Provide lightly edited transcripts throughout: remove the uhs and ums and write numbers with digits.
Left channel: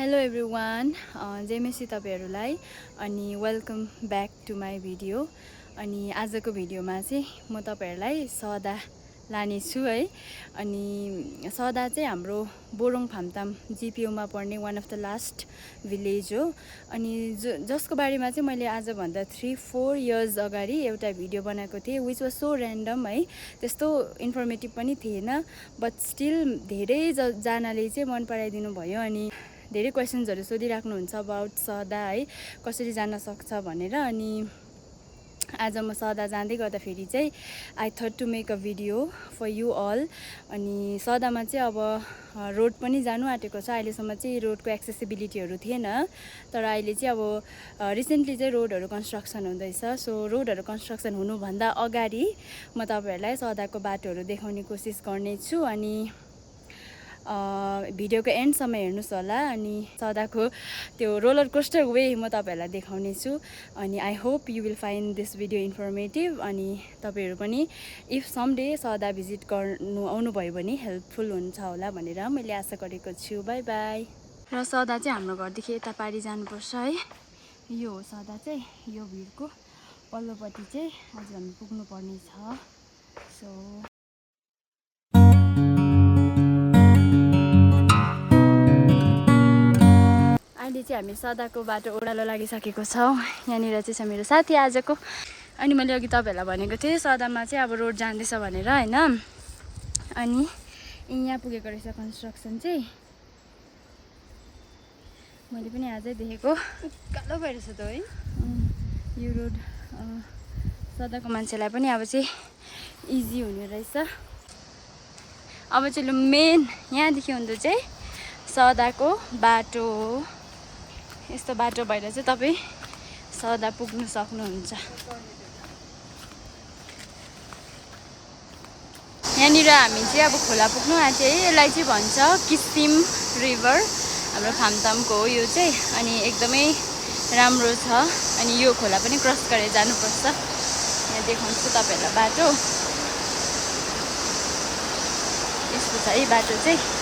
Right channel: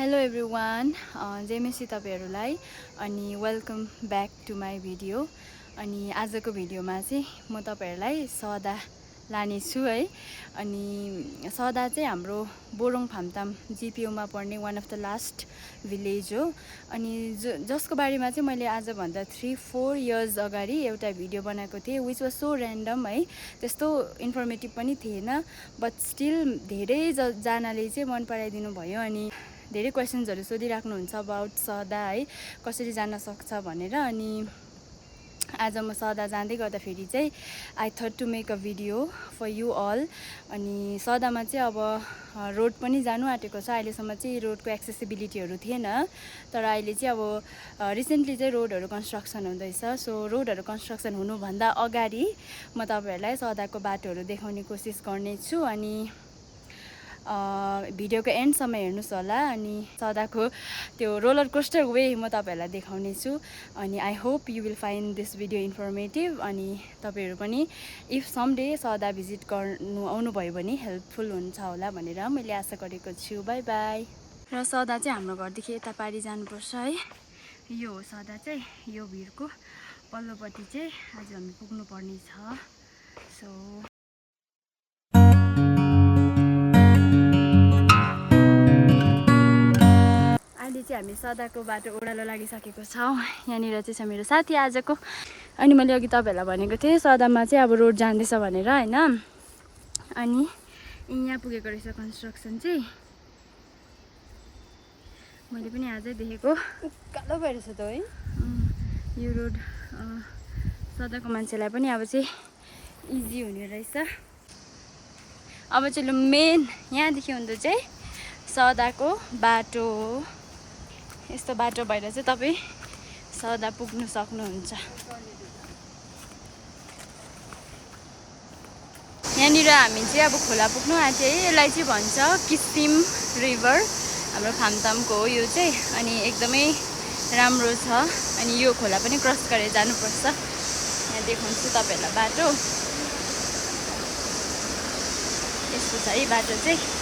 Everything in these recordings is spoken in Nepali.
हेलो एभ्रिवान, जेमेसी तपाईहरुलाई अनि welcome back to my video. अनि आजको भिडियोमा चाहिँ म तपाईहरुलाई सदा लाने छु है। अनि सदा चाहिँ हाम्रो बोरोङ फामताम जिपिओमा पर्ने one of the last village हो। अनि जसको बारेमा चाहिँ मैले आज भन्दा 3-4 इयर्स अगाडि एउटा भिडियो बनाएको थिएँ, विच वाज सो ऱ्यान्डम है। त्यस्तो इन्फर्मेटिभ पनि थिएन, बट स्टिल धेरै जनाले चाहिँ मन पराइदिनु भयो। अनि धेरै क्वेसन्सहरु सोधिराख्नुहुन्छ अबाउट सदा है, कसरी जान सक्छ भनेर। अनि आज म सदा जाँदै गर्दाखेरि चाहिँ I thought to make a video for you all. अनि सदामा चाहिँ अब रोड पनि जानु आँटेको छ। अहिलेसम्म चाहिँ रोडको एक्सेसिबिलिटीहरू थिएन, तर अहिले चाहिँ अब रिसेन्टली चाहिँ रोडहरू कन्स्ट्रक्सन हुँदैछ। सो रोडहरू कन्स्ट्रक्सन हुनुभन्दा अगाडि म तपाईहरुलाई सदाको बाटोहरू देखाउने कोसिस गर्नेछु। अनि भिडियोको एन्डसम्म हेर्नुहोस् होला। अनि सदाको त्यो रोलर कोस्टर वे म तपाईहरुलाई देखाउने छु। अनि I hope you will find this video informative. अनि तपाईहरु पनि इफ समडे सदा भिजिट गर्नु आउनुभयो भने हेल्पफुल हुन्छ होला भनेर मैले आशा गरेको छु। By by. र सदा चाहिँ हाम्रो घरदेखि यता पारी जानुपर्छ है। यो हो सदा चाहिँ, यो भिरको पल्लोपट्टि चाहिँ आज हामी पुग्नु पर्ने छ। सो अहिले चाहिँ हामी सदाको बाटो ओह्रालो लागिसकेको छौँ। यहाँनिर चाहिँ छ मेरो साथी आजको। अनि मैले अघि तपाईहरुलाई भनेको थिएँ सदामा चाहिँ अब रोड जाँदैछ भनेर हैन। अनि यहाँ पुगेको रहेछ कन्स्ट्रक्सन चाहिँ, मैले पनि आजै देखेको। कालो भइरहेछ त है यो रोड। सदाको मान्छेलाई पनि अब चाहिँ इजी हुने रहेछ। अब चाहिँ लु मेन यहाँदेखि हुँदो चाहिँ सदाको बाटो हो। यस्तो बाटो भएर चाहिँ तपाईँ सदा पुग्नु सक्नुहुन्छ। यहाँनिर हामी चाहिँ अब खोला पुग्नु आँट्यो है। यसलाई चाहिँ भन्छ किसिम रिभर, हाम्रो फामतामको हो यो चाहिँ। अनि एकदमै राम्रो छ। अनि यो खोला पनि क्रस गरेर जानुपर्छ। यहाँ देखाउँछु तपाईहरुलाई बाटो। यस्तो छ है बाटो चाहिँ।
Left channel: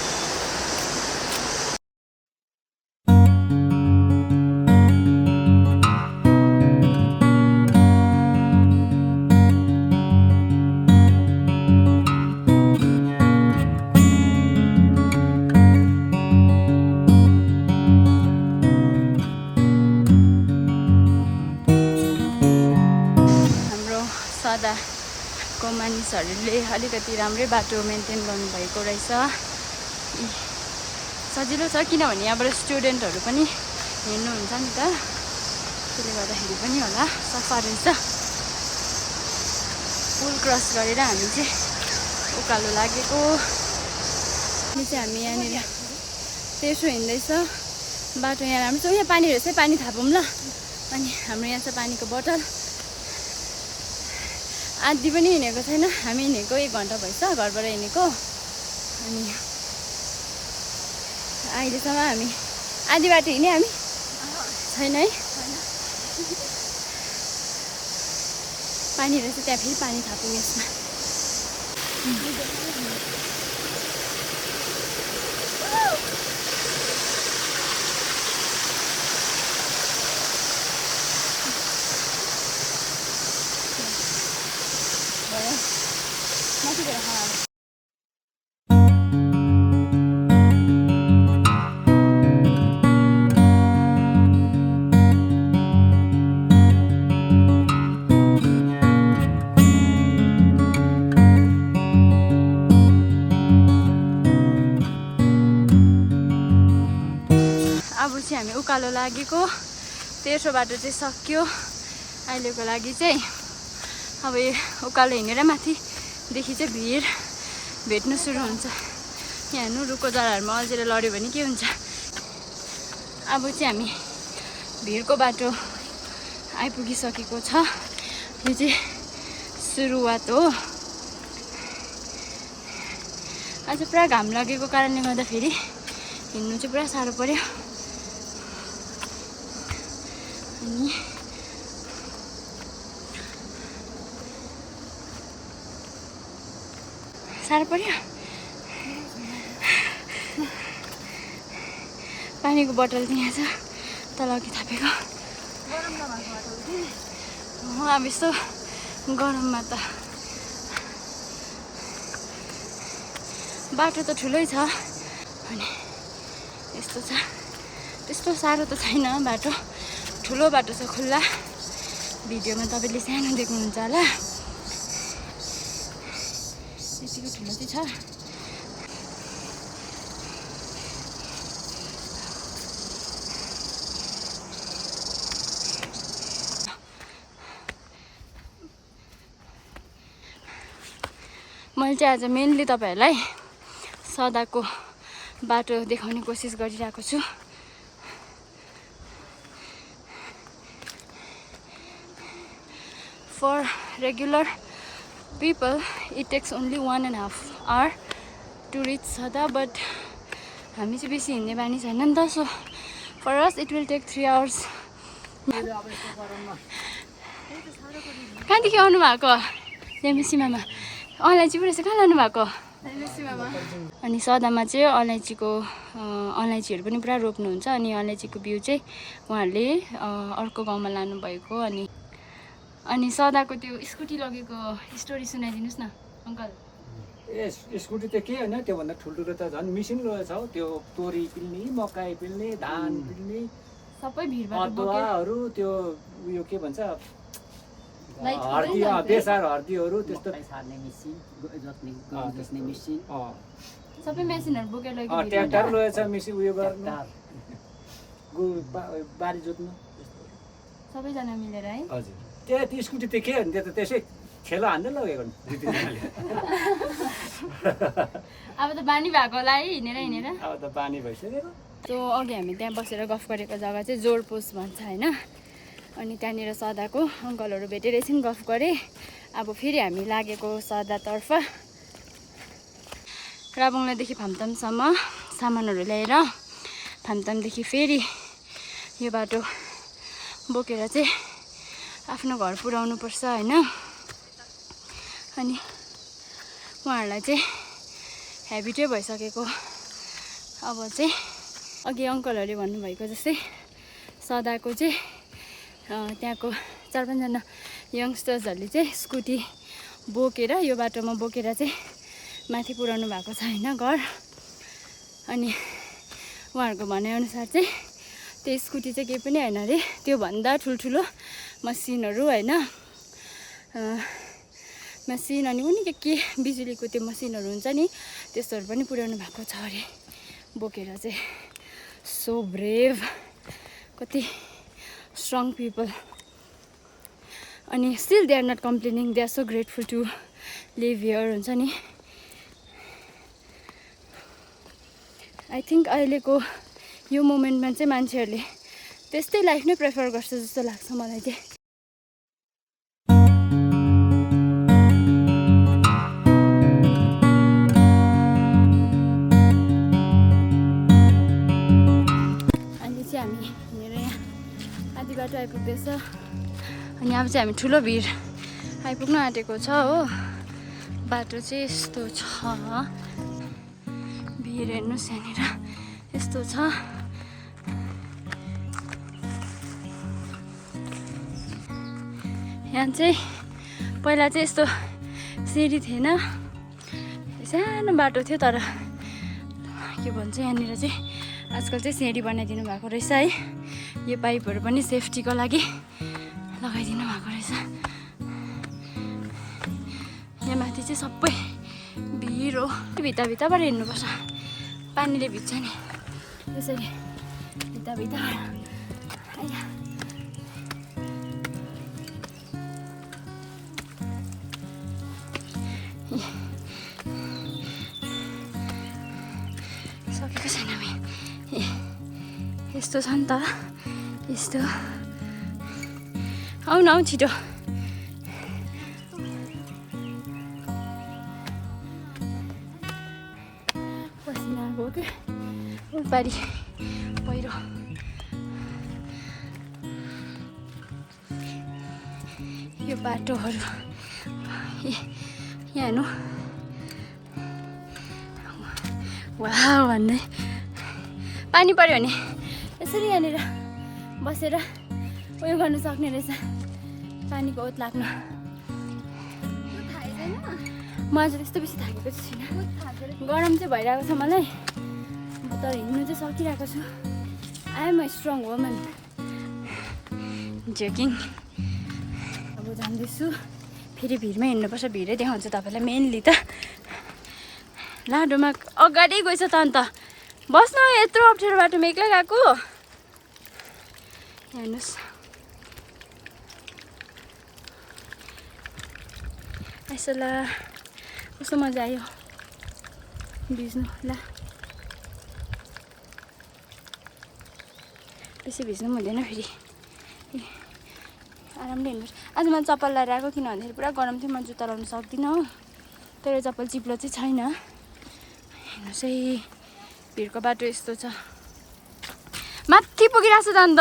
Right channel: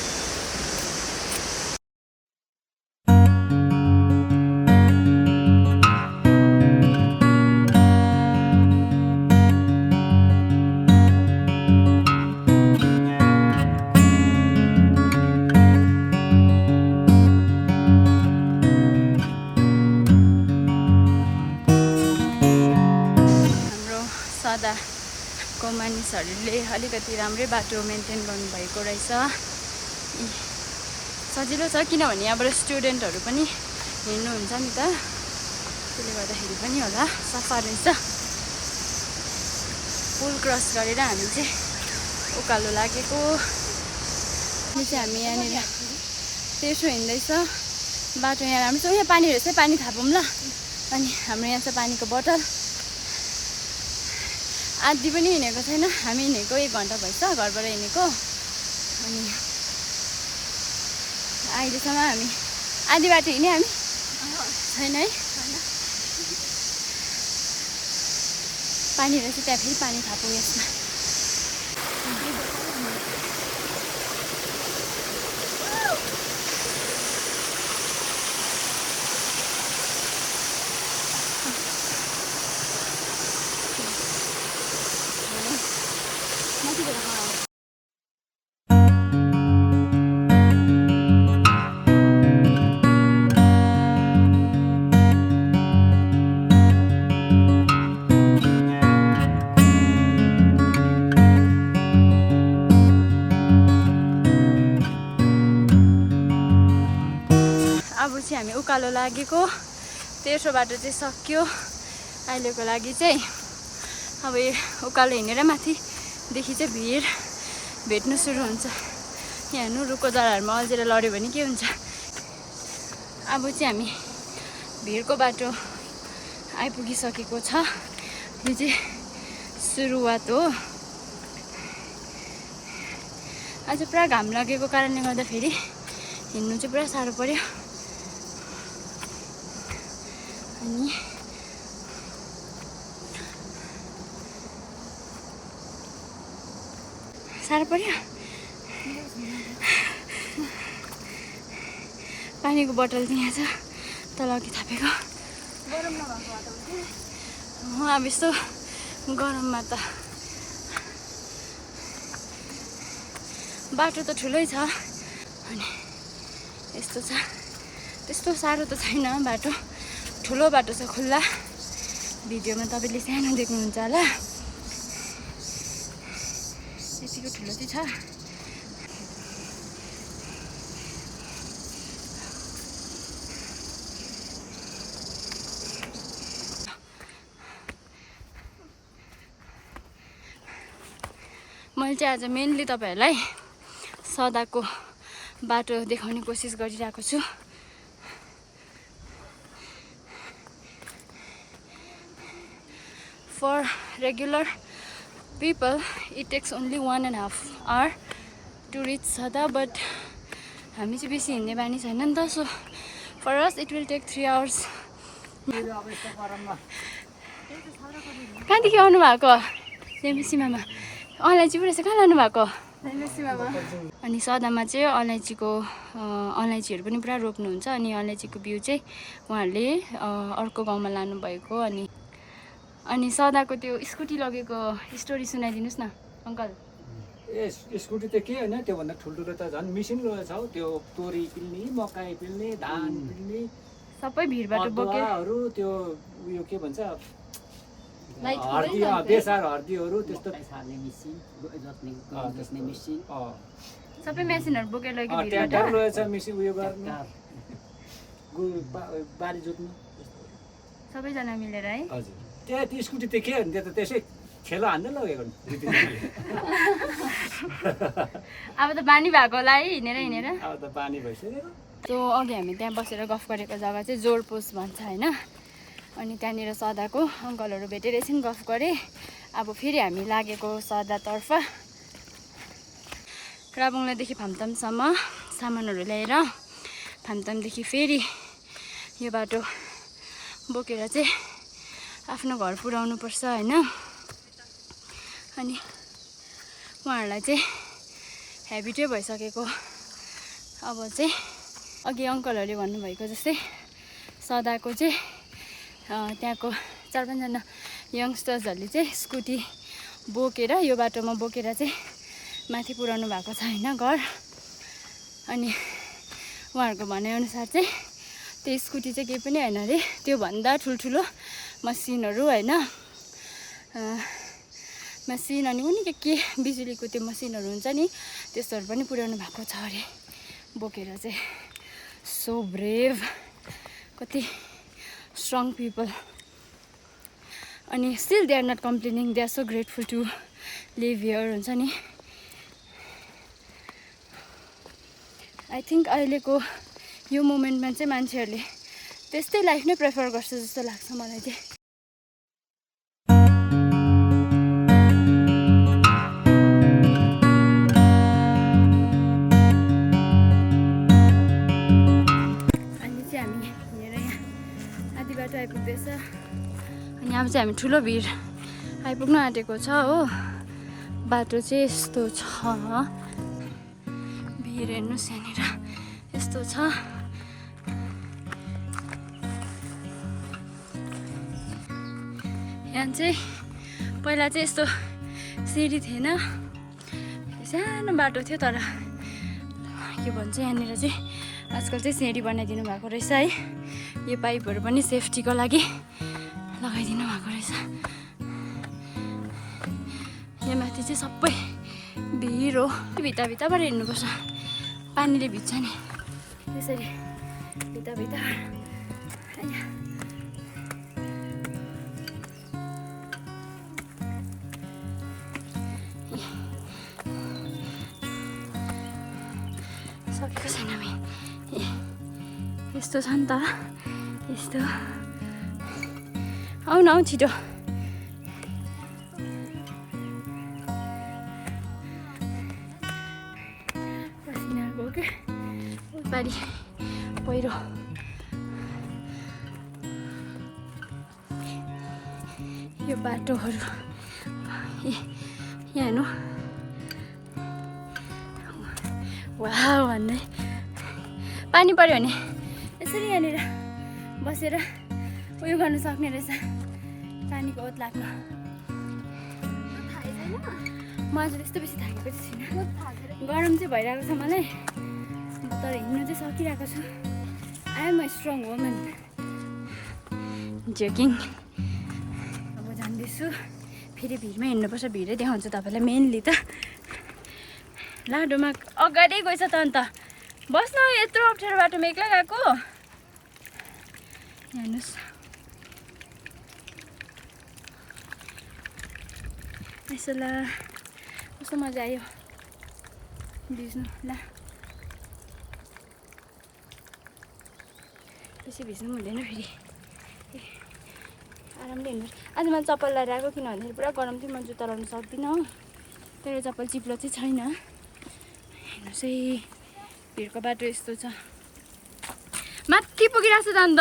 हाम्रो सदाको मानिसहरूले अलिकति राम्रै बाटो मेन्टेन गर्नुभएको रहेछ। सजिलो छ किनभने यहाँबाट स्टुडेन्टहरू पनि हिँड्नुहुन्छ नि त, त्यसले गर्दाखेरि पनि होला सफा रहेछ। पुल क्रस गरेर हामी चाहिँ उकालो लागेको। यो चाहिँ हामी यहाँनिर तेर्सो हिँड्दैछ बाटो। यहाँ राम्रो छ। यहाँ पानी रहेछ, पानी थापौँ ल। अनि हाम्रो यहाँ छ पानीको बोतल। आधी पनि हिँडेको छैन हामी, हिँडेको 1 घन्टा भएछ घरबाट हिँडेको। अनि अहिलेसम्म हामी आधी बाटो हिँड्यौँ हामी छैन है। पानी रहेछ त्यहाँ, फेरि पानी थापौँ यसमा। अब चाहिँ हामी उकालो लागेको। तेर्सो बाटो चाहिँ सक्यो अहिलेको लागि चाहिँ। अब उकालो हिँडेर माथिदेखि चाहिँ भिड भेट्नु सुरु हुन्छ। यहाँ हेर्नु रुखको जराहरूमा अल्झेर लड्यो भने के हुन्छ। अब चाहिँ हामी भिडको बाटो आइपुगिसकेको छ। यो चाहिँ सुरुवात हो। आज पुरा घाम लागेको कारणले गर्दाखेरि हिँड्नु चाहिँ पुरा साह्रो पर्यो। अनि साह्रो पर्यो। पानीको बोतल चाहिँ यहाँ छ तल अघि थापेको अब यस्तो गरममा त बाटो त ठुलै छ अनि यस्तो छ त्यस्तो साह्रो त छैन बाटो ठुलो बाटो छ खुल्ला भिडियोमा तपाईँले सानो देख्नुहुन्छ होला यतिको ठुलो चाहिँ छ मैले चाहिँ आज मेनली तपाईहरुलाई सदाको बाटो देखाउने कोसिस गरिरहेको छु For regular people, it takes only 1.5 hour to reach Sada, but हामी चाहिँ बेसी हिँड्ने बानी छैन नि त so for us it will take 3 hours. कहाँदेखि आउनु भएको रेमेसीमामा अलैँची पो रहेछ कहाँ लानु भएको अनि सदामा चाहिँ अलैँचीहरू पनि पुरा रोप्नुहुन्छ अनि अलैँचीको बिउ चाहिँ उहाँहरूले अर्को गाउँमा लानुभएको अनि सदाको त्यो स्कुटी लगेको स्टोरी सुनाइदिनुस् न अंकल स्कुटी त के हैन त्यो भन्दा ठुलठुलो त झन् मिसिन रहेछ हौ त्यो तोरी पिल्ने मकै पिल्ने धान पिल्ने सबै भिडबाट बोकेहरू त्यो उयो के भन्छ हर्दी बेसार हर्दीहरू त्यस्तो सार्ने मेसिन जोत्ने मेसिन सबै मेसिनहरु बोकेर लगेको भिडबाट ट्र्याक्टर रहेछ मेसिन उयो गर्नु बारी जोत्नु सबैजना मिलेर है हजुर त्यो स्कुटी त के हो नि त्यो त त्यसै खेलो हान्दै लगेको अब त बानी भएको होला है हिँडेर अब त बानी भइसक्यो त्यो अघि हामी त्यहाँ बसेर गफ गरेको जग्गा चाहिँ जोरपोस्ट भन्छ हैन अनि त्यहाँनिर सदाको अङ्कलहरू भेटेर एकछिन गफ गरे अब फेरि हामी लागेको सदातर्फ राबुङलादेखि फामतामसम्म सामानहरू ल्याएर फामतामदेखि फेरि यो बाटो बोकेर चाहिँ आफ्नो घर पुर्याउनु पर्छ हैन अनि उहाँहरूलाई चाहिँ हेबिटै भइसकेको अब चाहिँ अघि अङ्कलहरूले भन्नुभएको जस्तै सदाको चाहिँ त्यहाँको 4-5 जना यङ्स्टर्सहरूले चाहिँ स्कुटी बोकेर यो बाटोमा बोकेर चाहिँ माथि पुर्याउनु भएको छ हैन घर अनि उहाँहरूको भनाइअनुसार चाहिँ त्यो स्कुटी चाहिँ केही पनि हैन अरे त्यो भन्दा ठुल्ठुलो मसिनहरू हैन मसिन अनि कुनै के बिजुलीको त्यो मसिनहरू हुन्छ नि त्यस्तोहरू पनि पुर्याउनु भएको छ अरे बोकेर चाहिँ सो ब्रेभ कति स्ट्रङ पिपल अनि still they are not complaining they are so grateful to live here हुन्छ नि आई थिङ्क अहिलेको यो मोमेन्टमा चाहिँ मान्छेहरूले त्यस्तै लाइफ नै प्रेफर गर्छ जस्तो लाग्छ मलाई चाहिँ अहिले चाहिँ हामी हिँडेर यहाँ आधी बाटो आइपुग्दैछ अनि अब चाहिँ हामी ठुलो भिड आइपुग्न आँटेको छ हो बाटो चाहिँ यस्तो छ भिड हेर्नुहोस् यहाँनिर यस्तो छ यहाँ चाहिँ पहिला चाहिँ यस्तो सिँढी थिएन सानो बाटो थियो तर के भन्छ यहाँनिर चाहिँ आजकल चाहिँ सिँढी बनाइदिनु भएको रहेछ है यो पाइपहरू पनि सेफ्टीको लागि लगाइदिनु भएको रहेछ यहाँ माथि चाहिँ सबै भिड हो भित्ताबाट हिँड्नुपर्छ पानीले भिज्छ नि त्यसरी भित्ता सकेको छैन हामी यस्तो छ नि त यस्तो आऊ न छिटो पसिना आएको हो क्या पारी पहिरो यो बाटोहरू यहाँ हेर्नु वाह भन्दै पानी पर्यो भने यसरी यहाँनिर बसेर उयो गर्नु सक्ने रहेछ, पानीको ओत लाग्नु। म आज त्यस्तो बेसी थाकेको चाहिँ छुइनँ, गरम चाहिँ भइरहेको छ मलाई, तर हिँड्नु चाहिँ सकिरहेको छु। I am a strong woman. Joking. अब जाँदैछु, फेरि भिडमा हिँड्नुपर्छ, भिडै देखाउँछु तपाईँलाई मेनली त। लाडोमा अगाडि गएछ त अन्त, बस्नु यत्रो अप्ठ्यारो बाटोमा एक्लै गएको। हेर्नुहोस् यसो, ला कस्तो मजा आयो भिज्नु। ला बेसी भिज्नु पनि हुँदैन, फेरि आरामले हिँड्नुहोस्। आज मैले चप्पल लगाएर आएको, किन भन्दाखेरि पुरा गरम थियो, म जुत्ता लाउनु सक्दिनँ हो, तर चप्पल चिप्लो चाहिँ छैन। हेर्नुहोस् है भिडको बाटो यस्तो छ, माथि पुगिरहेको छ त अन्त।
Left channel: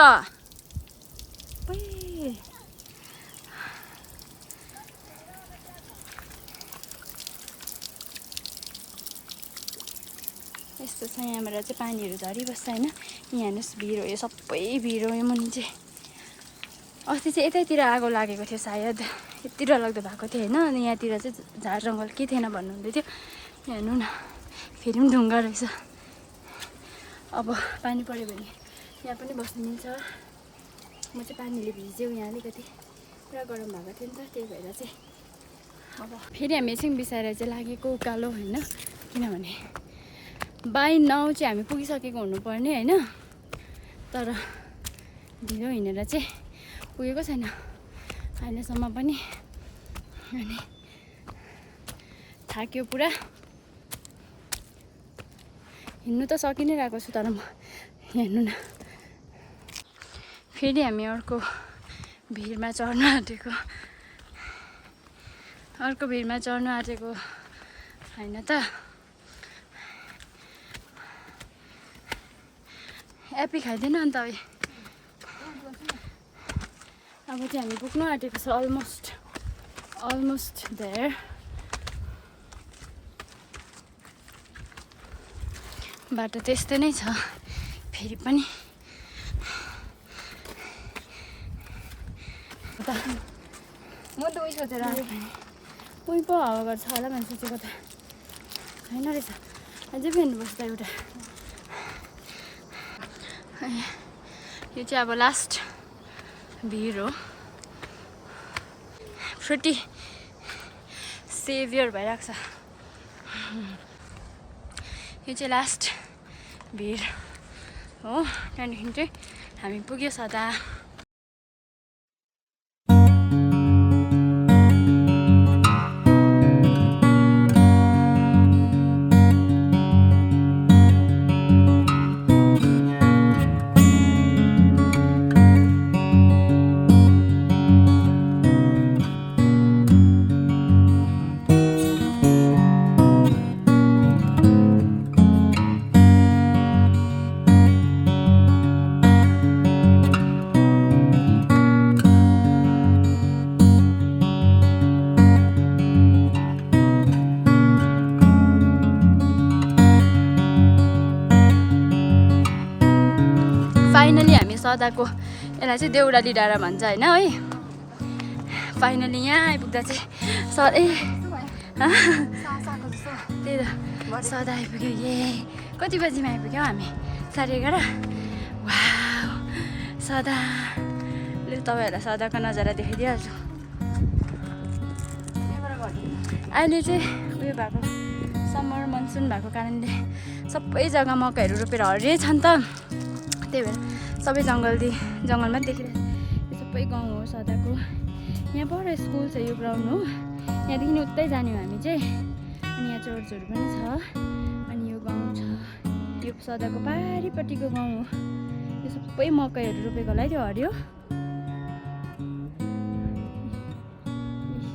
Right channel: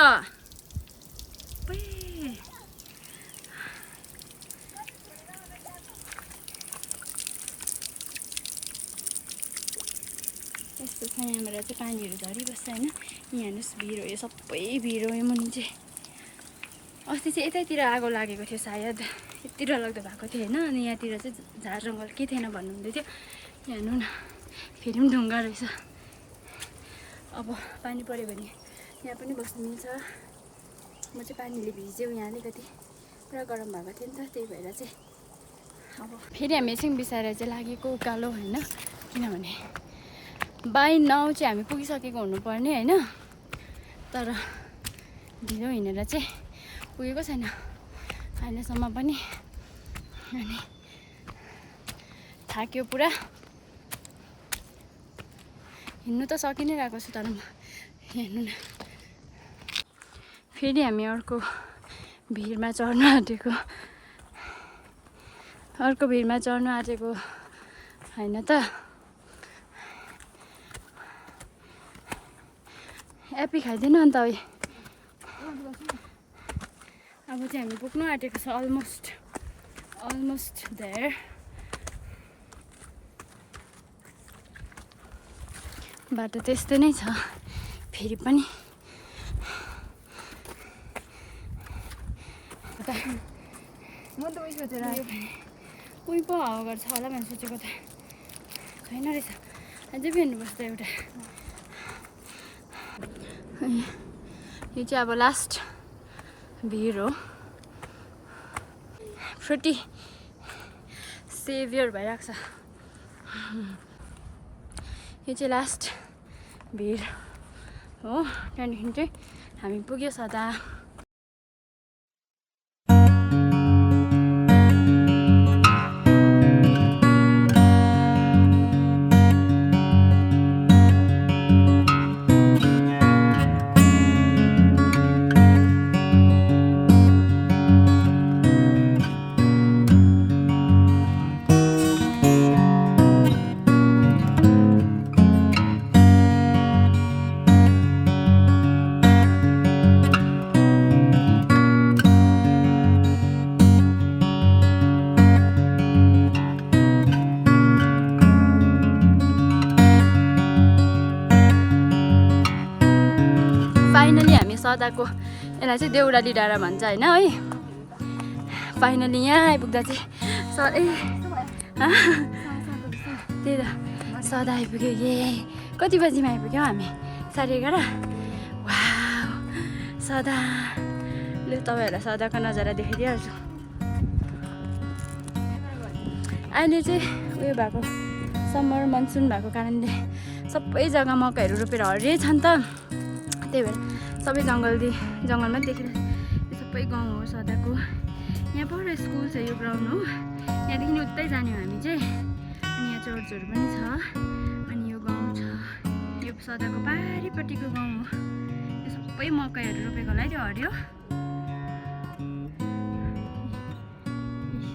यस्तो छ, यहाँबाट चाहिँ पानीहरू झरिबस्छ होइन। यहाँ हेर्नुहोस् भिड हो, यो सबै भिड हो। यो मुनि चाहिँ अस्ति चाहिँ यतैतिर आगो लागेको थियो सायद, यति डरलाग्दो भएको थियो होइन। अनि यहाँतिर चाहिँ झार जङ्गल के थिएन भन्नुहुँदै थियो। हेर्नु न फेरि पनि ढुङ्गा रहेछ। अब पानी पऱ्यो भने यहाँ पनि बस्नु मिल्छ। म चाहिँ पानीले भिज्यो यहाँ अलिकति, पुरा गरम भएको थियो नि त, त्यही भएर चाहिँ अब फेरि हामी एकछिन बिसाएर चाहिँ लागेको उकालो होइन। किनभने बाई 9 चाहिँ हामी पुगिसकेको हुनुपर्ने होइन, तर ढिलो हिँडेर चाहिँ पुगेको छैन अहिलेसम्म पनि। अनि थाक्यो पुरा, हिँड्नु त सकि नै रहेको छु, तर म हेर्नु न फेरि हामी अर्को भिडमा चढ्नु आँटेको, होइन त। एप्पी खाइदिएन अन्त अब चाहिँ हामी पुग्नु आँटेको छ, अलमोस्ट देयर। बाटो त्यस्तै नै छ फेरि पनि। म त उयो सोचेर उयो पो हावा गर्छ होला भने सोचेको त छैन रहेछ। अझै पनि हेर्नुपर्छ त एउटा। यो चाहिँ अब लास्ट भिड हो, फ्रुटी सेभियर भइरहेको छ। यो चाहिँ लास्ट भिड हो, त्यहाँदेखि चाहिँ हामी पुग्यो सदा। फाइनली हामी सदाको, यसलाई चाहिँ देउराली डाँडा भन्छ होइन है। फाइनली यहाँ आइपुग्दा चाहिँ त्यही त सदा आइपुग्यो। ए कति बजीमा आइपुग्यौँ हामी? 11:30। वाउ सदा, लु तपाईँहरूलाई सदाको नजारा देखाइदिइहाल्छु। अहिले चाहिँ उयो भएको, समर मनसुन भएको कारणले सबै जग्गा मकैहरू रोपेर हरियै छन् त, त्यही भएर सबै जङ्गलमा देखिरहेको। यो सबै गाउँ हो सदाको। यहाँ पर स्कुल छ, यो ग्राउन्ड हो। यहाँदेखि उतै जाने हो हामी चाहिँ। अनि यहाँ चर्चहरू पनि छ। अनि यो गाउँ छ, यो सदाको पारिपट्टिको गाउँ हो। यो सबै मकैहरू रोपेको होला है, त्यो हरियो।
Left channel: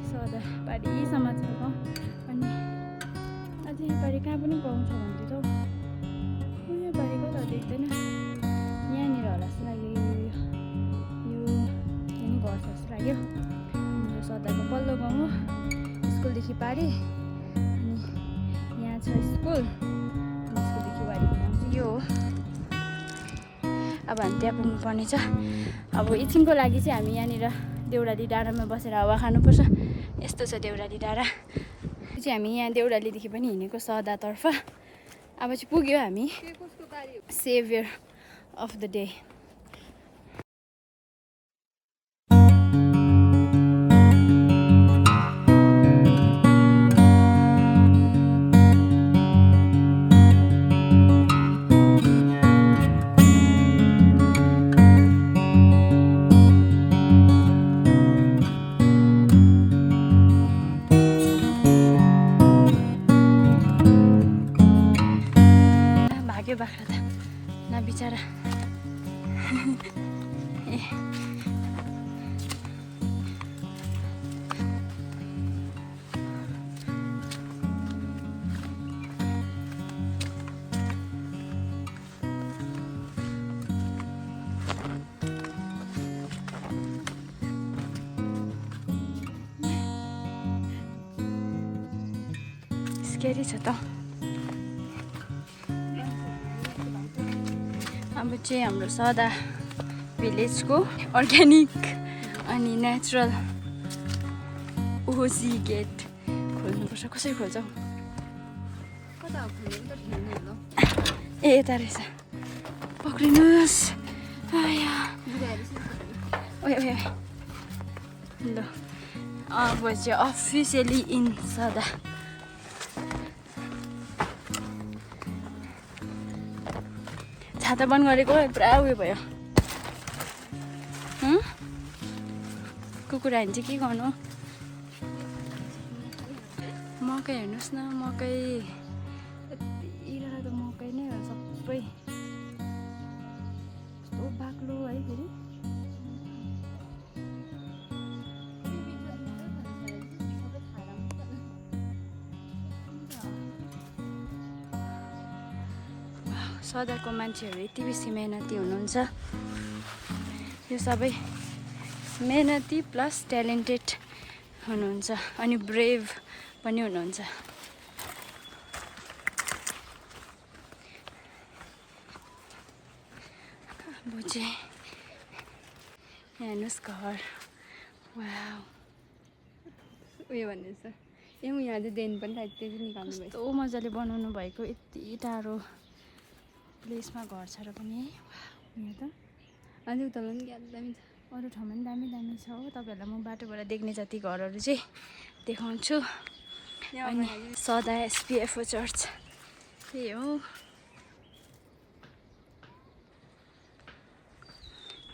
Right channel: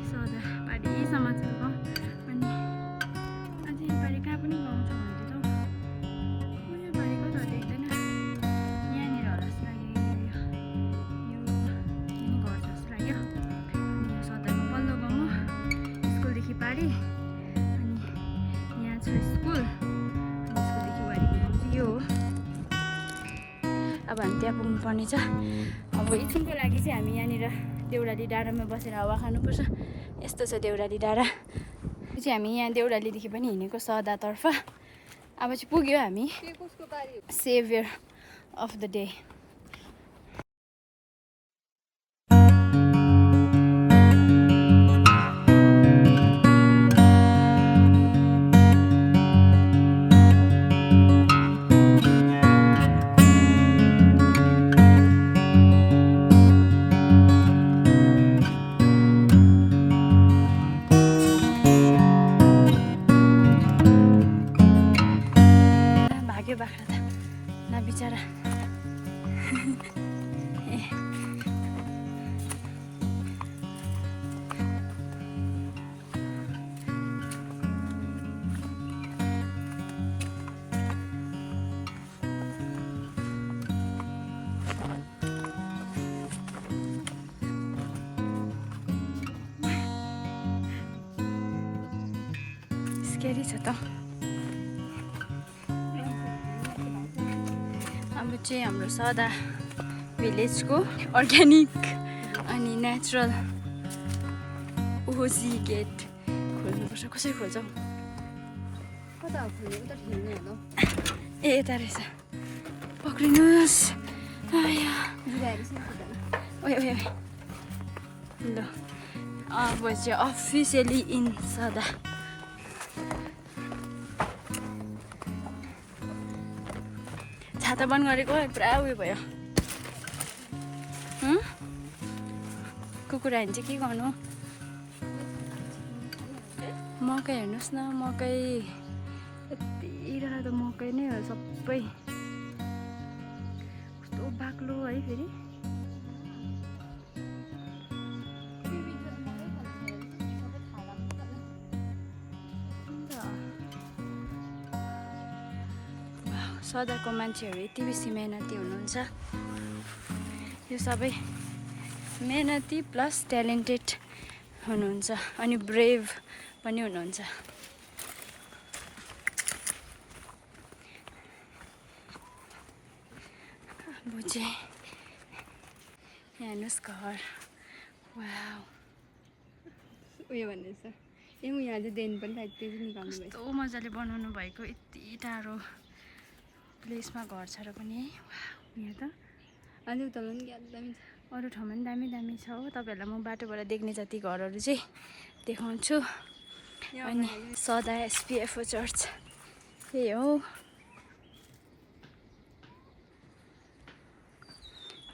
सदा पारिसम्म छ गाउँ। अनि अझै यो पारि कहाँ पनि गाउँ छ भन्दै त हौ, यो पारि कता देख्दैन, यहाँनिर होला जस्तो लाग्यो। यो यहाँ नि घर छ जस्तो लाग्यो। अनि यो सदाको पल्लो गाउँ हो, स्कुलदेखि पारि। अनि यहाँ छ स्कुल, अनि स्कुलदेखि वारीको गाउँ चाहिँ यो हो। अब हामी त्यहाँ पुग्नुपर्ने छ। अब एकछिनको लागि चाहिँ हामी यहाँनिर देउराली डाँडामा बसेर हावा खानुपर्छ। यस्तो छ देउराली डाँडा चाहिँ। हामी यहाँ देउरालीदेखि पनि हिँडेको सदातर्फ। अब चाहिँ पुग्यो हामी सेभियर अफ द डे। भाग्यो बाख्रा त न बिचरा। स्केरी छ त। अब चाहिँ हाम्रो सदा भिलेजको अर्ग्यानिक अनि नेचुरल ओजी गेट खोल्नुपर्छ। कसरी खोल्छ हौ? ए यता रहेछ, पक्रिनुहोस्। ल अब चाहिँ अफिसियली इन सदा। छाता बन्द गरेको पुरा उयो भयो। कुकुर हान्छ के गर्नु? मकै हेर्नुहोस् न, मकै यति त मकै नै हो सबै। कस्तो बाक्लो है फेरि। सदाको मान्छेहरू यति बेसी मेहनती हुनुहुन्छ। यो सबै मेहनती प्लस ट्यालेन्टेड हुनुहुन्छ अनि ब्रेभ पनि हुनुहुन्छ। अब चाहिँ हेर्नुहोस् घर। वाउ उयो भन्दैछ ए म यहाँ चाहिँ देन पनि सायद त्यही निकाल्नु भयो। कस्तो मजाले बनाउनु भएको। यति टाढो प्लेसमा घर छ र पनि है। यहाँ त अझै उता पनि दामी छ। अरू ठाउँमा पनि दामी दामी छ हो। तपाईँहरूलाई म बाटोबाट देख्ने जति घरहरू चाहिँ देखाउँछु। अनि सदा एसपिएफओ चर्च त्यही हो।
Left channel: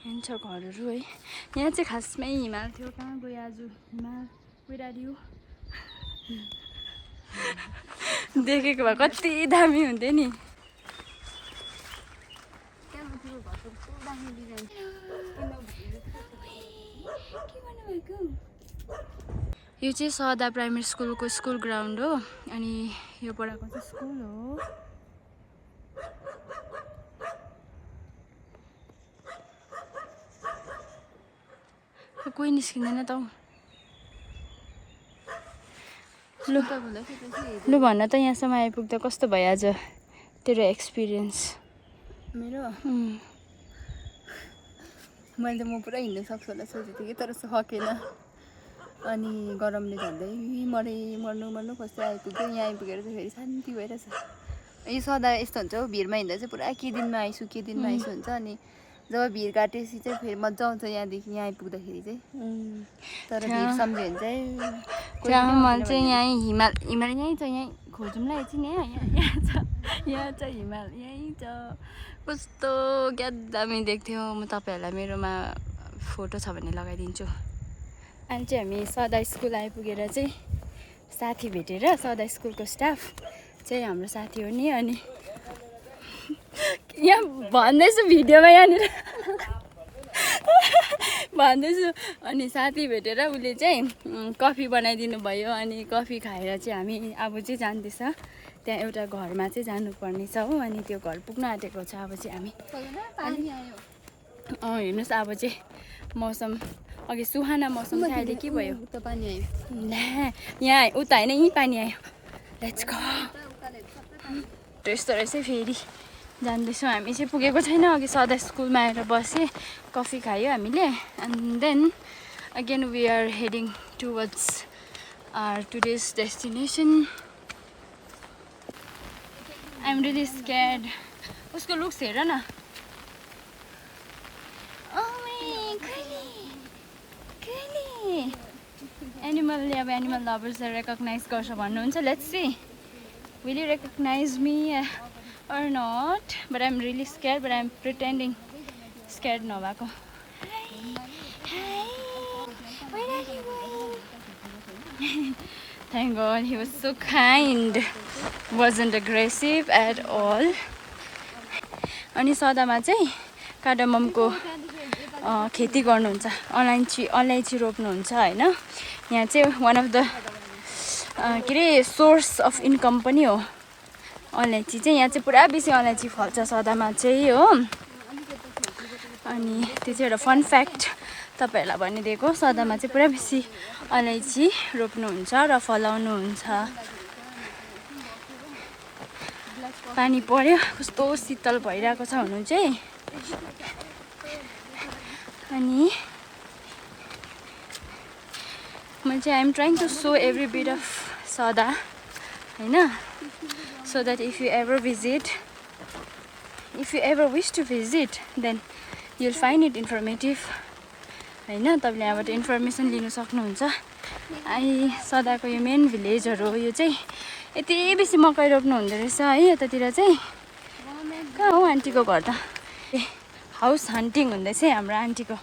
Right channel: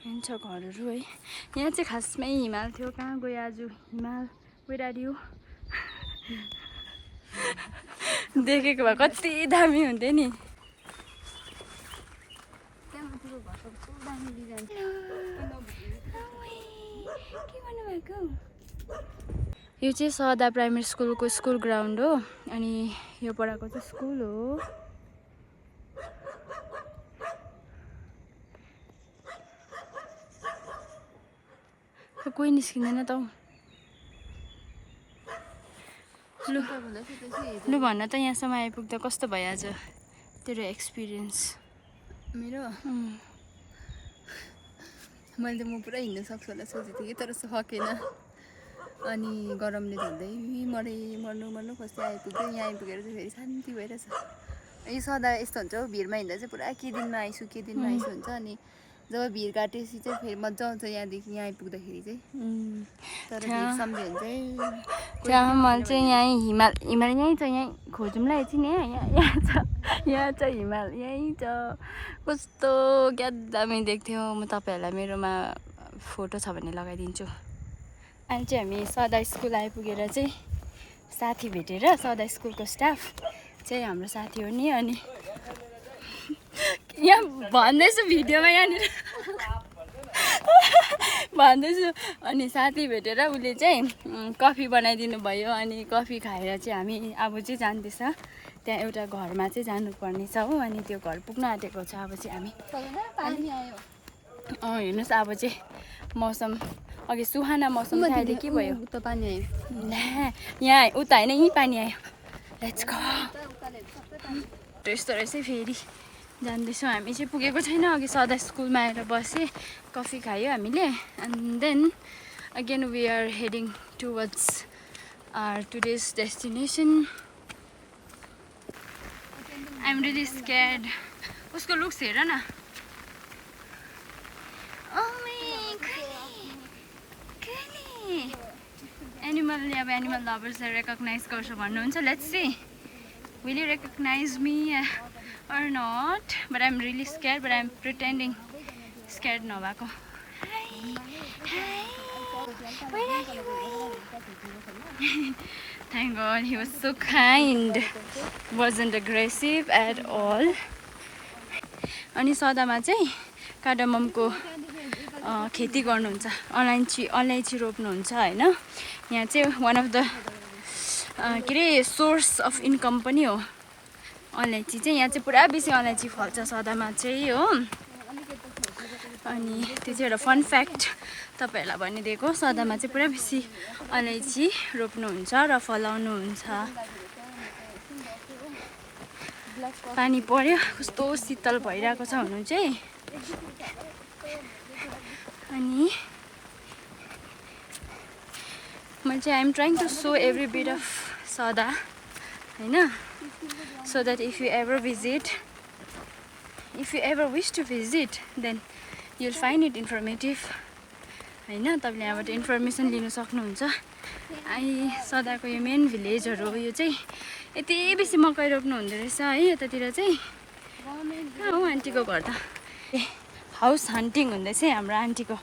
यहाँ छ घरहरू है। यहाँ चाहिँ खासमै हिमाल थियो। कहाँ गयो आज हिमाल? गइरह्यो। देखेको भए कति दामी हुन्थ्यो नि। यो चाहिँ सदा प्राइमेरी स्कुलको स्कुल ग्राउन्ड हो। अनि यो पढाएको चाहिँ स्कुल हो। कोही निस्किँदैन त हौ। लु भन त यहाँसम्म आइपुग्दा कस्तो भयो आज तेरो एक्सपिरियन्स? मेरो मैले त म पुरा हिँड्न सक्छु होला सोचेको थिएँ तर सकेन। अनि गरमले झन्डै मर्नु कस्तै आइपुग्यो। यहाँ आइपुगेर चाहिँ फेरि शान्ति भइरहेछ। यो सदा यस्तो हुन्छ हौ, भिडमा हिँड्दा चाहिँ पुरा के दिनमा आइसु हुन्छ। अनि जब भिड काटेपछि चाहिँ फेरि मजा आउँछ यहाँदेखि यहाँ आइपुग्दाखेरि चाहिँ। तर भिड सम्झ्यो भने चाहिँ मैले चाहिँ यहीँ हिमाल यहीँ छ। यहीँ खोजौँला एकछिन। यहाँ छ हिमाल यहीँ छ। कस्तो क्या दामी देख्थ्यो। म तपाईँहरूलाई मेरोमा फोटो छ भने लगाइदिन्छु। अनि चाहिँ हामी सदा स्कुल आइपुगेर चाहिँ साथी भेटेर, सदा स्कुलको स्टाफ चाहिँ हाम्रो साथी हो नि। अनि यहाँ भन्दैछु भिडियोमा यहाँनिर भन्दैछु। अनि साथी भेटेर उसले चाहिँ कफी बनाइदिनु भयो। अनि कफी खाएर चाहिँ हामी अब चाहिँ जाँदैछ त्यहाँ एउटा घरमा चाहिँ जानुपर्ने छ हो। अनि त्यो घर पुग्न आँटेको छ। अब चाहिँ हामी हेर्नुहोस् अब चाहिँ मौसम अघि सुहाना मौसम चाहिँ अहिले के भयो? ला यहाँ उता होइन यहीँ पानी आयो। Let's go. त्यस्तो रहेछ फेरि जाँदैछौँ हामी चाहिँ पुगेको छैन अघि सदा स्कुलमा आएर बसेँ कफी खायो हामीले and then again we are heading towards our today's destination I am really scared उसको लुक्स हेर न एनिमलले अब एनिमल लभर्सलाई रेकग्नाइज गर्छ भन्नुहुन्छ let's see will you recognize me or not, but I'm really scared, but I'm pretending scared नभएको. Hi, where are you going? Thank God he was so kind, wasn't aggressive at all. अनि सदामा चाहिँ कार्डममको खेती गर्नुहुन्छ अलैँची रोप्नुहुन्छ हैन यहाँ चाहिँ वान अफ द के रे सोर्स अफ इन्कम पनि हो अलैँची चाहिँ यहाँ चाहिँ पुरा बेसी अलैँची फल्छ सदामा चाहिँ हो अनि त्यो चाहिँ एउटा फन फ्याक्ट तपाईँहरूलाई भनिदिएको सदामा चाहिँ पुरा बेसी अलैँची रोप्नुहुन्छ र फलाउनुहुन्छ पानी पर्यो कस्तो शीतल भइरहेको छ हुनु चाहिँ अनि मैले चाहिँ I'm trying to show every bit of Sada हैन so that if you ever wish to visit then you'll find it informative हैन तपाईले यहाँबाट इन्फर्मेसन लिन सक्नुहुन्छ आई सदाको यो मेन भिलेजहरु हो यो चाहिँ यति बेसी मकै रोप्नु हुँदो रहेछ है यतातिर चाहिँ कहाँ हो आन्टीको घर त हाउस हन्टिङ हुँदैछ हाम्रो आन्टीको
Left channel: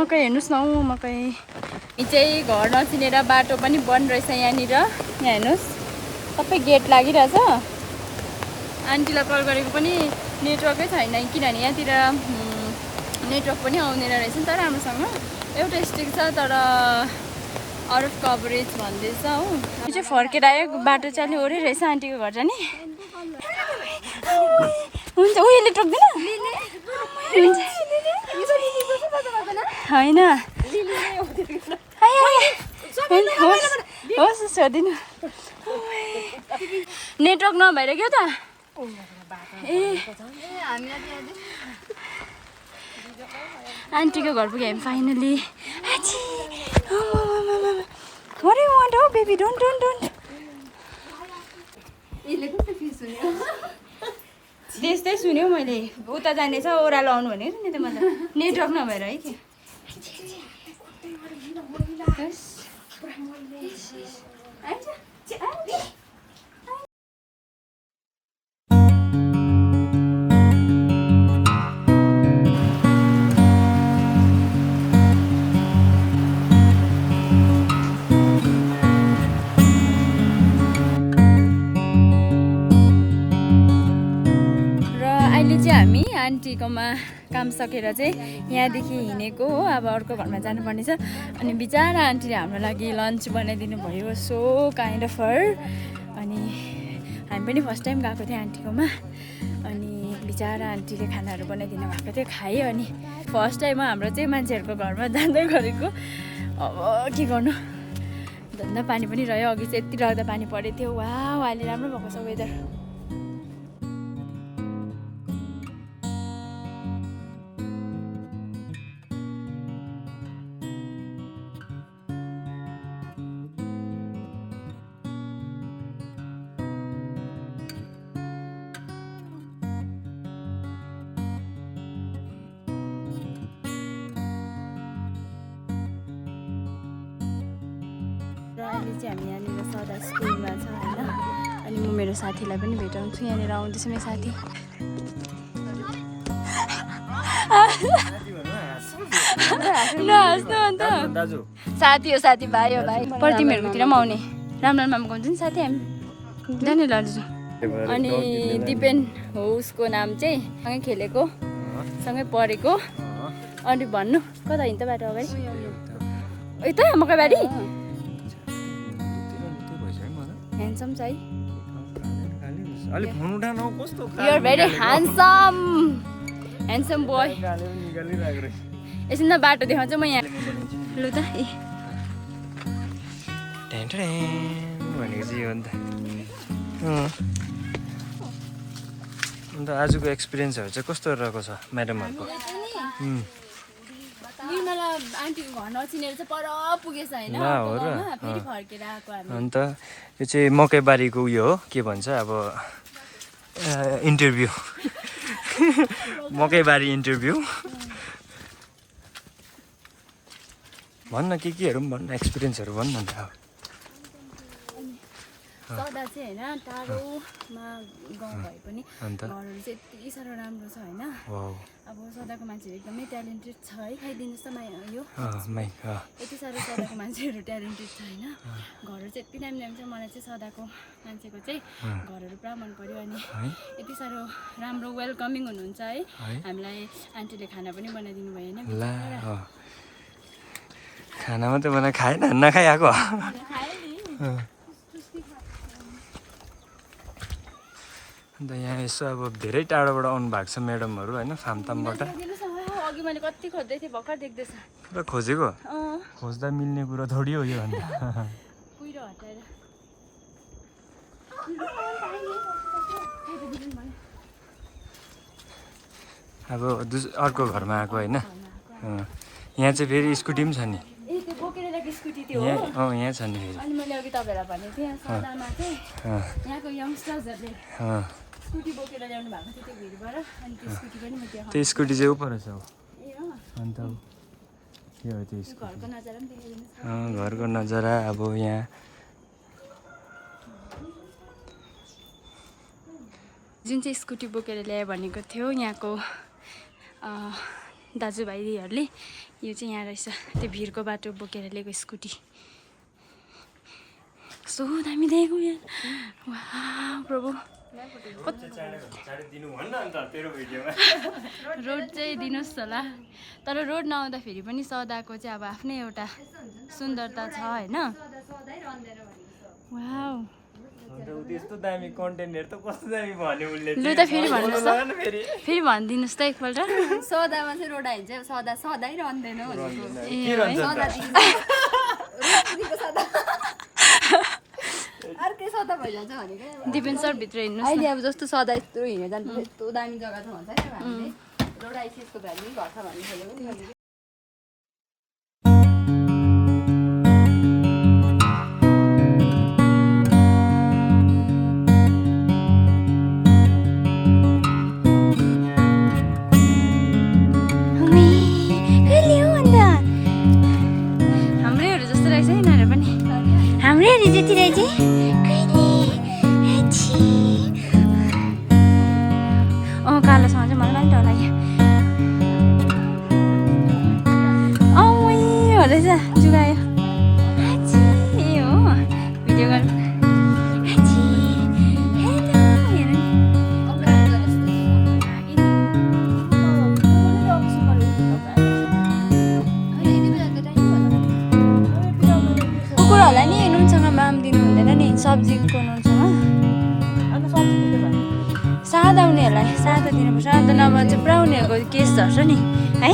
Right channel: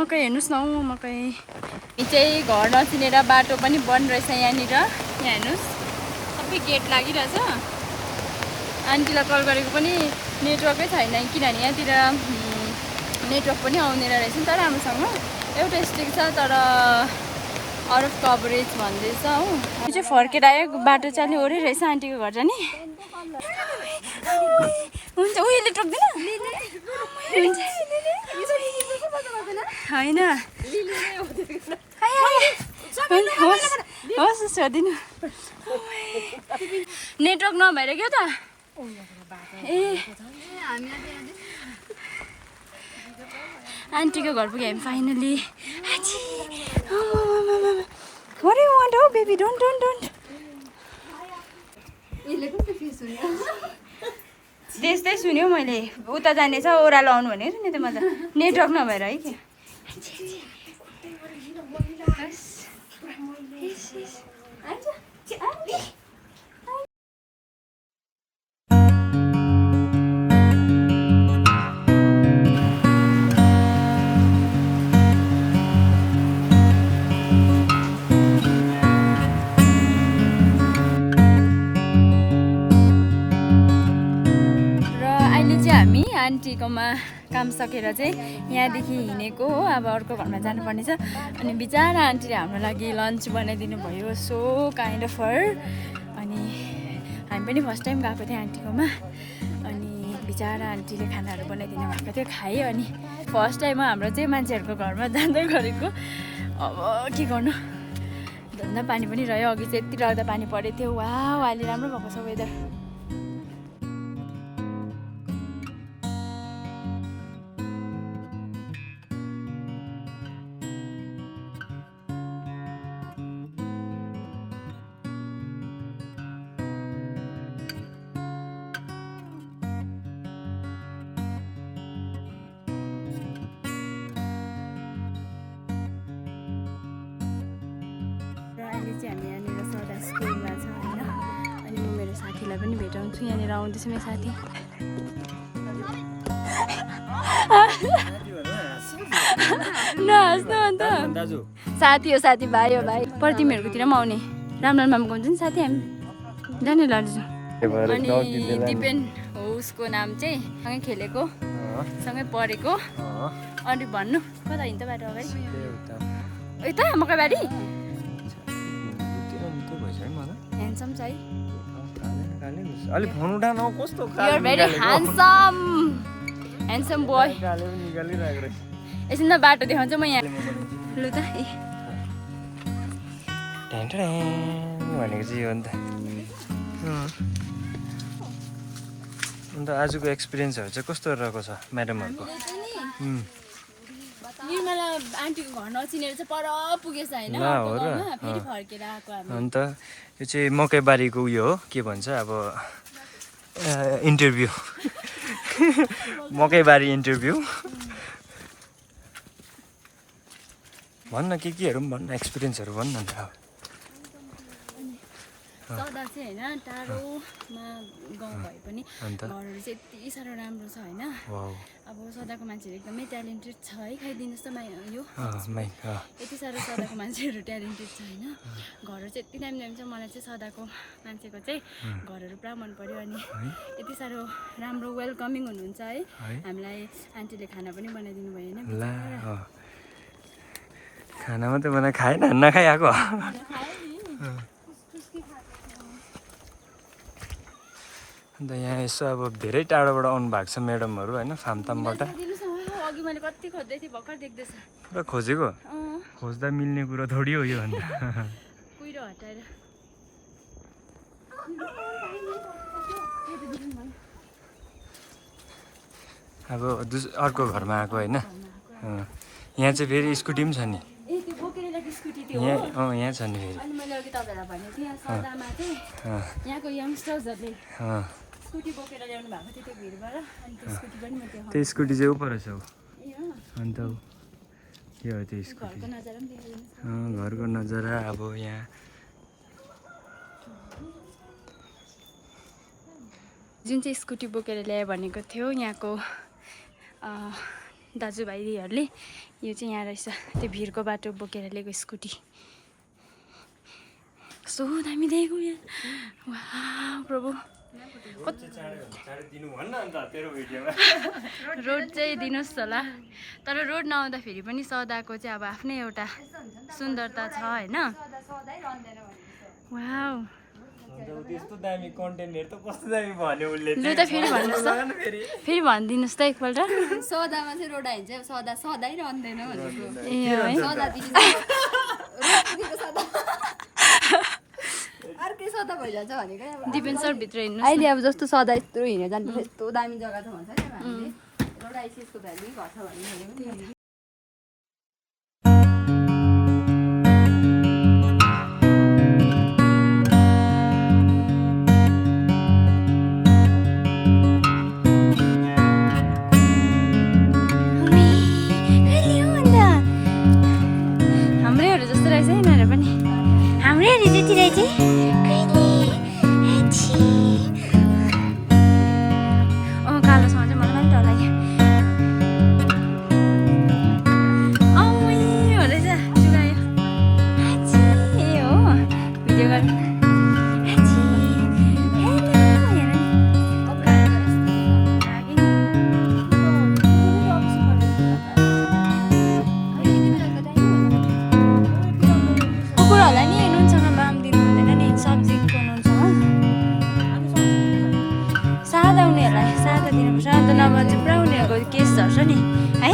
मकै हेर्नुस् न मकै यी चाहिँ घर नचिनेर बाटो पनि बन्द रहेछ यहाँनिर यहाँ हेर्नुहोस् सबै गेट लागिरहेछ आन्टीलाई कल गरेको पनि नेटवर्कै छैन किनभने यहाँतिर नेटवर्क पनि आउँदैन रहेछ नि त राम्रोसँग एउटा स्टिक छ तर आउट अफ कभरेज भन्दैछ हो यो चाहिँ फर्केर आयो बाटो चाहिँ अलि ओरै रहेछ आन्टीको घर जाने हुन्छ उयोले टोक्दैन होइन होस् सोधिनु नेटवर्क नभएर क्या त ए आन्टीको घर पुग्यो हामी finally What do you want? Oh baby, don't. त्यस्तै सुन्यो मैले उता जानेछ ओह्रालो आउनु भनेको नि त म त नेटवर्क नभएर है कि र अहिले चाहिँ हामी आन्टीकोमा काम सकेर चाहिँ यहाँदेखि हिँडेको हो अब अर्को घरमा जानुपर्ने छ अनि बिचारा आन्टीले हाम्रो लागि लन्च बनाइदिनु भयो सो काइन्ड अफ हर अनि हामी पनि फर्स्ट टाइम गएको थियौँ आन्टीकोमा अनि बिचारा आन्टीले खानाहरू बनाइदिनु भएको थियो खायो अनि फर्स्ट टाइम हाम्रो चाहिँ मान्छेहरूको घरमा जाँदै गरेको अब के गर्नु धन्दा पानी पनि रह्यो अघि चाहिँ यति राख्दा पानी परेको थियो वाह अहिले राम्रो भएको छ वेदर र अहिले चाहिँ हामी यहाँनिर सदा स्कुलमा छ होइन अनि म मेरो साथीलाई पनि भेटाउँछु यहाँनिर आउँदैछु मेरो साथी नहाँस्नु अन्त साथी हो साथी भाइ हो भाइ प्रतिमाहरूकोतिर पनि आउने राम्रो मामको हुन्छ नि साथी हामी जाने लड्छु अनि दिपेन हो उसको नाम चाहिँ सँगै खेलेको सँगै पढेको अनि भन्नु कता हिँड्छ बाटो अगाडि यता मकैबारी ह्यान्डसम छ है ह्यान्डसम बोय एकछिन त बाटो देखाउँछु म यहाँ लु त भनेको चाहिँ यो हो नि त अन्त आजको एक्सपिरियन्सहरू चाहिँ कस्तो रहेको छ म्याडमहरूको? निर्मला आन्टीको घर नचिनेर चाहिँ पर पुगेछ होइन ल हो र फेरि फर्केर आएको हामी। अन्त यो चाहिँ मकैबारीको उयो हो के भन्छ अब इन्टरभ्यू मकैबारी इन्टरभ्यू भन्न केहरू पनि भन्न एक्सपिरियन्सहरू भन्न अन्त अब सदा चाहिँ होइन टाढोमा गाउँ भए पनि अन्त घरहरू चाहिँ यति साह्रो राम्रो छ होइन। वाउ अब सदाको मान्छेहरू एकदमै ट्यालेन्टेड छ है, खाइदिनुहोस् त यो माइ यति साह्रो सदाको मान्छेहरू ट्यालेन्टेड छ होइन। घरहरू चाहिँ यति दामी दामी छ, मलाई चाहिँ सदाको मान्छेको चाहिँ घरहरू पुरा मन पर्यो। अनि यति साह्रो राम्रो वेलकमिङ हुनुहुन्छ है। हामीलाई आन्टीले खाना पनि बनाइदिनु भयो होइन। ला खाना मात्रै बनाएर खाएन नखाइआएको अन्त यहाँ यसो अब धेरै टाढोबाट आउनु भएको छ म्याडमहरू होइन फामतामबाट अघि मैले कति खोज्दै थिएँ भर्खर देख्दैछ। पुरा खोजेको खोज्दा मिल्ने कुरो थोडी हो यो अन्त कुहिरो हटाएर अब अर्को घरमा आएको होइन। यहाँ चाहिँ फेरि स्कुटी पनि छ नि ए त्यो बोकेर ल्याएको स्कुटी त्यो यहाँ यहाँ छ नि फेरि। अनि मैले अघि तपाईँहरूलाई भनेको थिएँ सदामा चाहिँ यहाँको यङ्स्टर्सहरूले स्कुटी बोकेर ल्याउनु भएको थियो त्यो भिडबाट। अनि त्यो स्कुटी पनि म त्यहाँ त्यो स्कुटी चाहिँ ऊ रहेछ हौ ए हो अन्त यो हो त्यो स्कुटी घरको नजारा पनि देखाइदिनुहोस्। घरको नजारा अब यहाँ जुन चाहिँ स्कुटी बोकेर ल्यायो भनेको थियो यहाँको दाजुभाइहरूले, यो चाहिँ यहाँ रहेछ त्यो भिरको बाटो बोकेर ल्याएको स्कुटी। कस्तो दामी ल्याएको यहाँ, वाह प्रभु। रोड चाहिँ दिनुहोस् होला, तर रोड नआउँदाखेरि पनि सदाको चाहिँ अब आफ्नै एउटा सुन्दरता छ होइन। वाउ त्यस्तो दामी कन्टेन्टहरु त कस्तो दामी भन्यो उसले। लु त फेरि भन्नुहोस् त, फेरि भनिदिनुहोस् त एकपल्ट। सदामा चाहिँ रोड आइन्छ सदा सधैँ रहँदैन भनेको ए है अर्कै सदा भइजान्छ भनेको। दिपेन सर भित्र हिँड्नुहोस् अहिले अब जस्तो सदा यत्रो हिँडेर जान्छ यस्तो दामी जग्गा छ भन्छ नि हामीले रोड आइसिसको भ्याली घर छ भन्ने खोलेको। हाम्रैहरू जस्तो रहेछ है यिनीहरू पनि, हाम्रैहरू जति रहेछ। कालोसँग चाहिँ मलाई पनि डर लाग्यो। हो रहेछ जुगायो ए हो भिडियो गर्नु हेलो हेर नि लाग्यो नि। कुकुरहरूलाई नि नुनसँग माम दिनु हुँदैन नि, सब्जीको नुनसँग। सादा उनीहरूलाई सादा दिनुपर्छ, अन्त नभए चाहिँ पुरा उनीहरूको केस झर्छ नि है,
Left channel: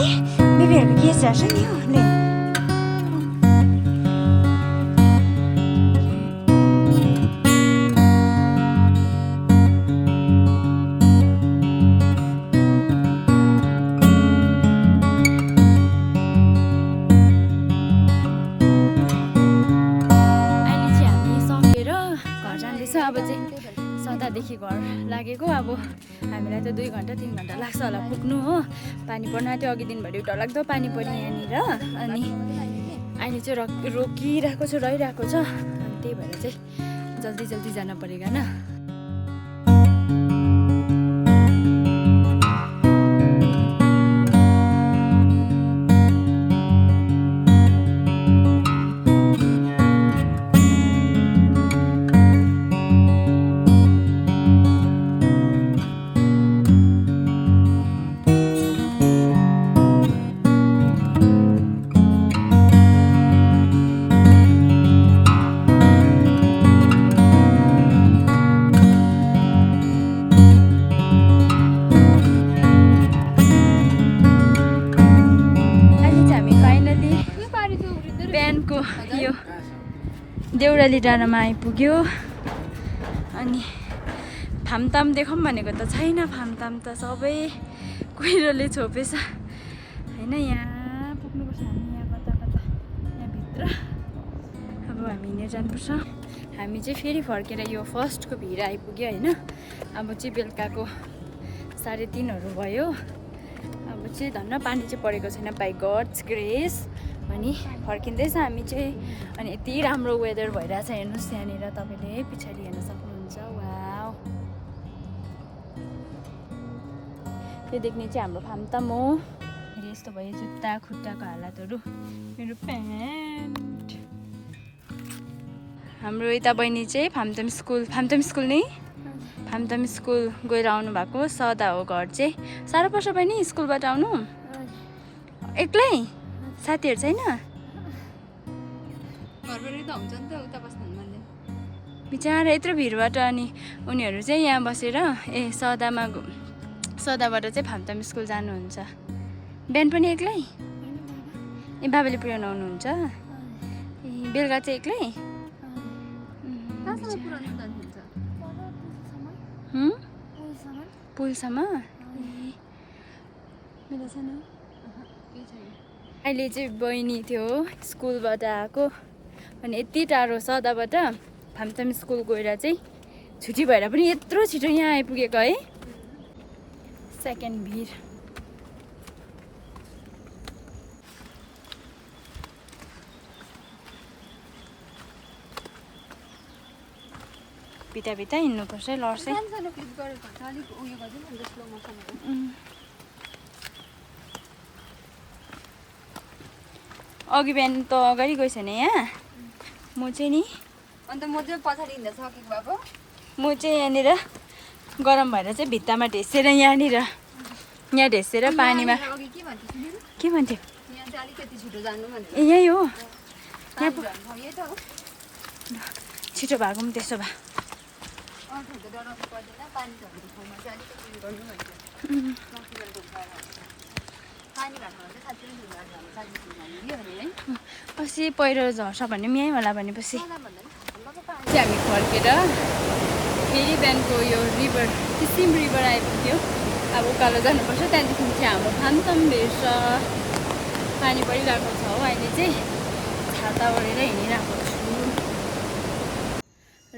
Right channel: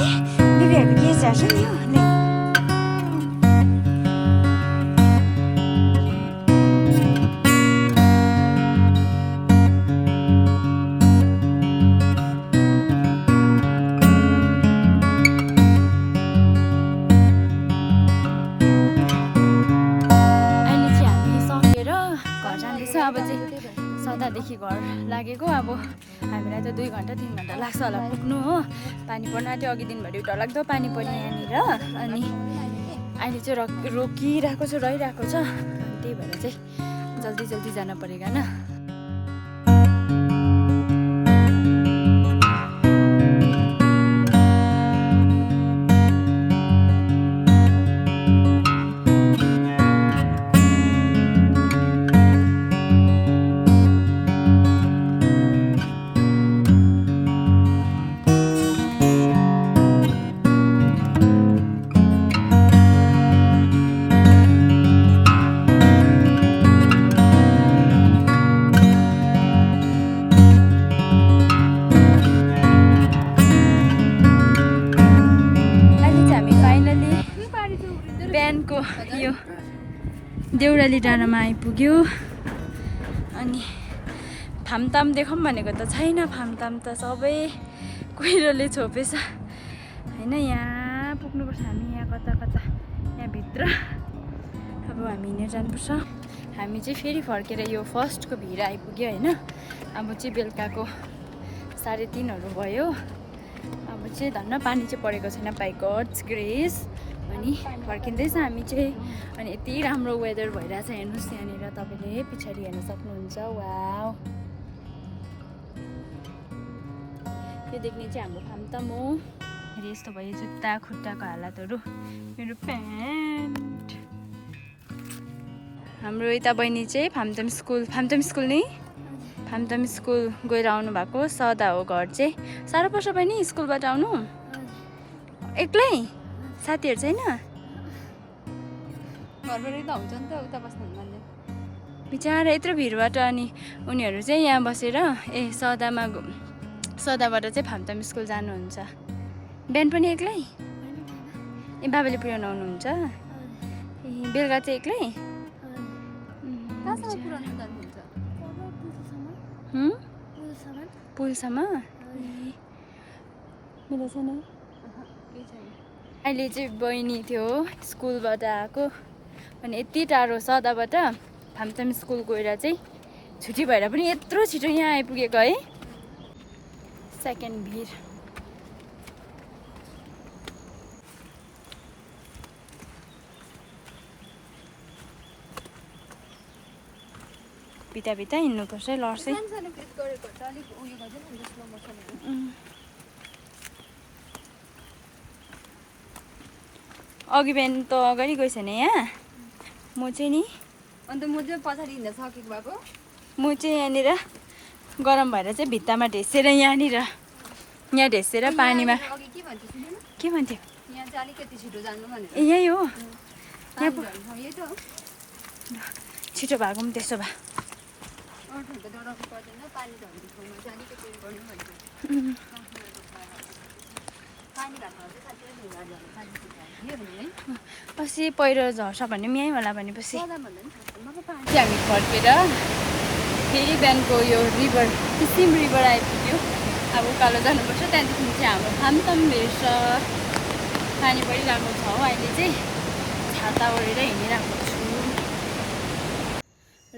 बेबीहरूको केस झर्छ नि हो। ले अहिले चाहिँ हामी सकेर घर जाँदैछौँ। अब चाहिँ सदादेखि घर लागेको, अब हामीलाई त 2 घन्टा 3 घन्टा लाग्छ होला पुग्नु हो। पानी पर्न आँट्यो, अघि दिनभरि डरलाग्दो पानी पर्यो यहाँनिर। अनि अहिले चाहिँ रोकिरहेको छ, रहिरहेको छ। अनि त्यही भएर चाहिँ जल्दी जल्दी जान परेगा न। अहिले चाहिँ हामी फाइनली बिहानको यो देउराली डाँडामा आइपुग्यो। अनि फामताम देखाउँ भनेको त छैन। फामताम त सबै कुहिरोले छोपेछ होइन। यहाँ पुग्नुपर्छ हामी, यहाँ कता कता यहाँभित्र। अब हामी हिँडेर जानुपर्छ। हामी चाहिँ फेरि फर्केर यो फर्स्टको भिर आइपुग्यो होइन। अब चाहिँ बेलुकाको 3:30 भयो। अब चाहिँ धन्न पानी चाहिँ परेको छैन, बाई गड्स ग्रेस। अनि फर्किँदैछ हामी चाहिँ। अनि यति राम्रो वेदर भइरहेछ हेर्नुहोस् यहाँनिर, तपाईँले पछाडि हेर्न सक्नुहुन्छ। वाउ, त्यो देख्ने चाहिँ हाम्रो फामताम हो। फेरि यस्तो भयो जुत्ता खुट्टाको हालतहरू। मेरो प्यान्ट। हाम्रो यता बहिनी चाहिँ फामताम स्कुल नै फामताम स्कुल गएर आउनु भएको। सदा हो घर चाहिँ। साह्रो पर्छ बहिनी स्कुलबाट आउनु एक्लै? साथीहरू छैन? घरबाट त हुन्छ नि त, उता बस्नु मान्दैन। बिचरा यत्रो भिडबाट अनि उनीहरू चाहिँ यहाँ बसेर सदाबाट चाहिँ फामताम स्कुल जानुहुन्छ। बिहान पनि एक्लै? ए बाबाले पुर्याउनु आउनुहुन्छ? ए बेलुका चाहिँ एक्लै? पुलसम्म? अहिले चाहिँ बहिनी थियो स्कुलबाट आएको। अनि यति टाढो सदाबाट फामताम स्कुल गएर चाहिँ छुट्टी भएर पनि यत्रो छिटो यहाँ आइपुगेको है। सेकेन्ड भिर। बिता हिँड्नुपर्छ है, लड्छ है। अघि बिहान त अगाडि गएछ नि यहाँ। म चाहिँ नि अन्त म चाहिँ पछाडि हिँड्न सकेको भएको। म चाहिँ यहाँनिर गरम भएर चाहिँ भित्तामा ढेसेर यहाँ ढेसेर पानीमा। के भन्थ्यो? यहाँ चाहिँ अलिकति छिटो जानु भनेको। ए यही हो, यही त हो। छिटो भएको पनि त्यसो भए। अर्को त डराउनु पर्दैन, पानी झर्ने ठाउँमा चाहिँ अलिकति उयो गर्नु भनेको। पानी भएको चाहिँ साँच्चै पछि पहिरो झर्छ भन्ने पनि यहीँ होला भनेपछि भन्दा पनि पानी। हामी फर्केर फेरि बिहानको यो रिभर किसिम रिभर आइपुग्यो। अब उकालो जानुपर्छ। त्यहाँदेखि चाहिँ हाम्रो फामताम भेट्छ। पानी परिरहेको छ हो। अहिले चाहिँ छाता ओढेर हिँडिरहेको छु।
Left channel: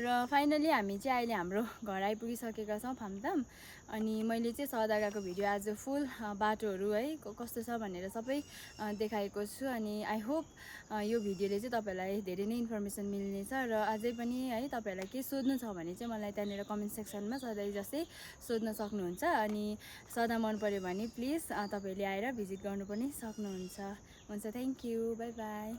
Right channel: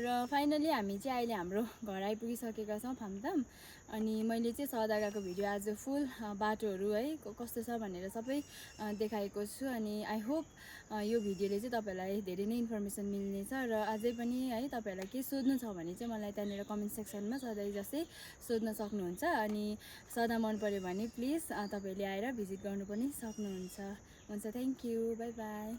र फाइनली हामी चाहिँ अहिले हाम्रो घर आइपुगिसकेका छौँ फामताम। अनि मैले चाहिँ सदा गएको भिडियो आज फुल बाटोहरू है कस्तो छ भनेर सबै देखाएको छु। अनि आई होप यो भिडियोले चाहिँ तपाईँलाई धेरै नै इन्फर्मेसन मिल्नेछ। र अझै पनि है तपाईँहरूलाई के सोध्नु छ भने चाहिँ मलाई त्यहाँनिर कमेन्ट सेक्सनमा सधैँ जस्तै सोध्न सक्नुहुन्छ। अनि सदा मन पऱ्यो भने प्लिज तपाईँहरूले आएर भिजिट गर्नु पनि सक्नुहुन्छ। हुन्छ, थ्याङ्क यू, बाई बाई।